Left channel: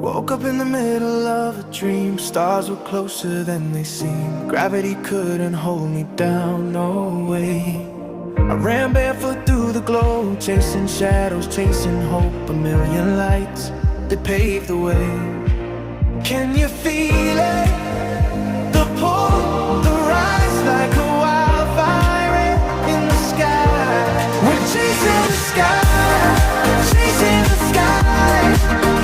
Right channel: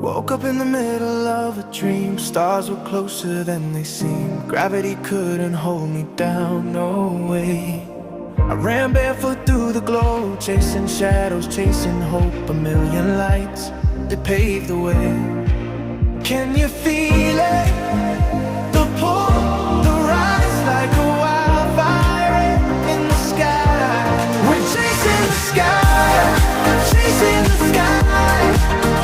Woke up in the middle of a dream. Stars were closer than they seemed. Gravity couldn't hold me down, no way. I ran barefoot through the glow, chasing shadows, chasing hope. A million lights that paved the way. Can you feel it? The pull, the rise, like a wildfire in the sky. We're chasing the sky, chasing the sky.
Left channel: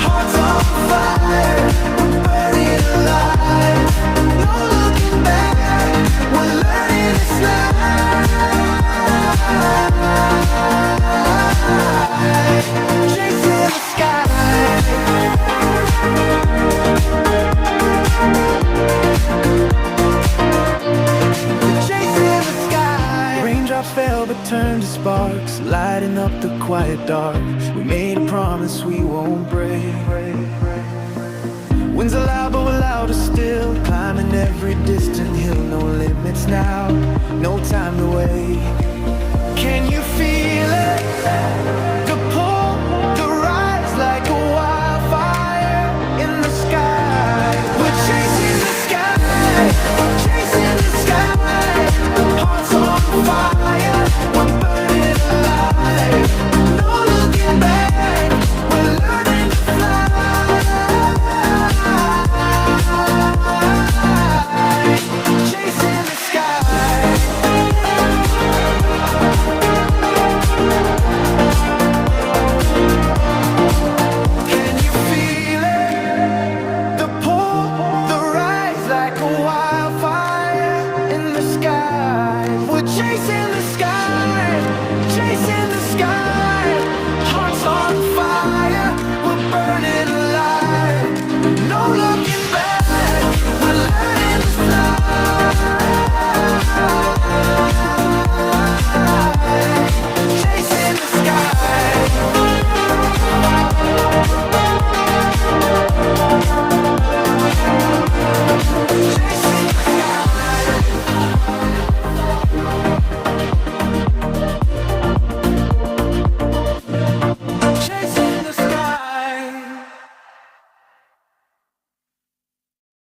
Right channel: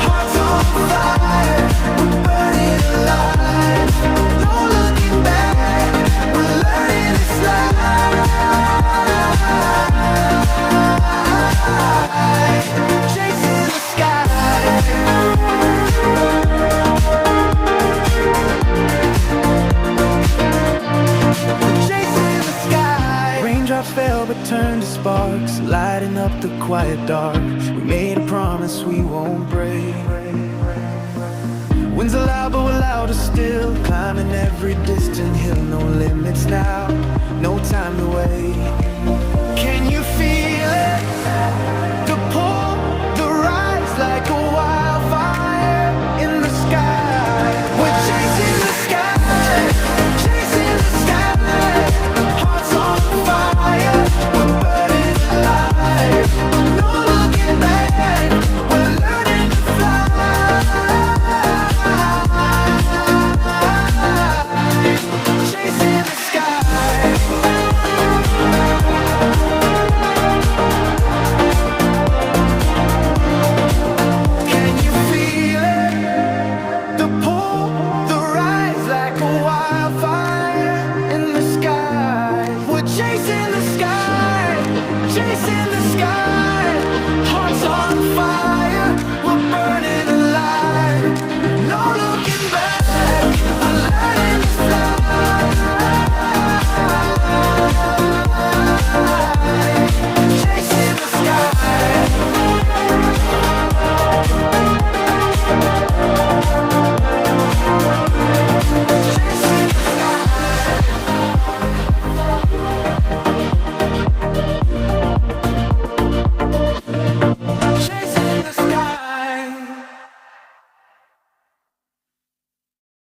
Hearts on fire, we're burning alive. No looking back, we're learning this life. Chasing the sky. Raindrops fell but turned to sparks, lighting up the quiet dark. We made a promise we won't break. Winds are loud but we're louder still, climbing every distant hill. No limits now, no time to wait. Can you feel it?